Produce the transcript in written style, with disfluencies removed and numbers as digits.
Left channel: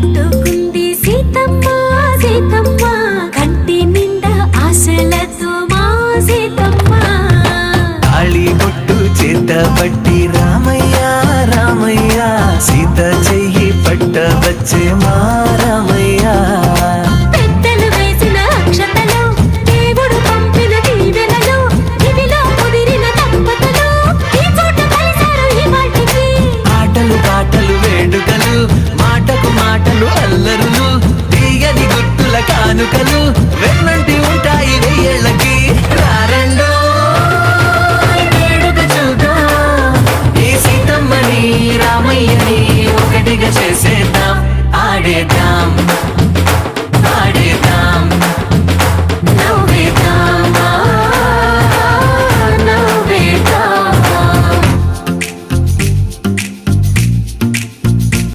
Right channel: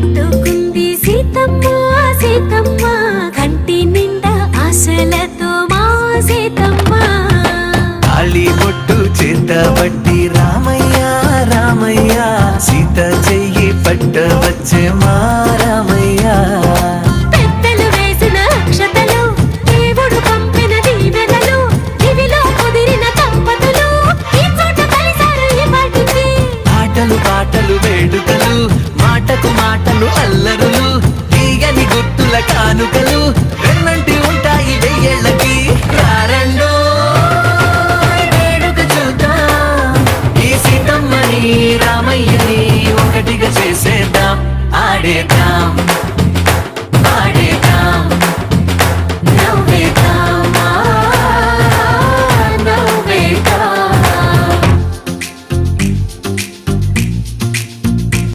పెట్టుకుంది సీతమ్మ సీతమ్మ కంటి నిండా ఆశలతో మా సీతమ్మ తాళి బొట్టు చేత పట్టి రామయ్య రామయ్య సీత చెయ్యి పట్ట వచ్చే మా రామయ్య పెద్దలు వేసిన అక్షతలు దేవుడు పంపిన దీవెనలు ఇవిలో కుదిరిన దంపతులు ఈ చోట కలిసారు ఈ వాటికి ఆటలు పాటలు వేడుకలు మాటకు మాటలు అల్లరులు తీయని గుట్టుల కానుకలు వెన్నంటి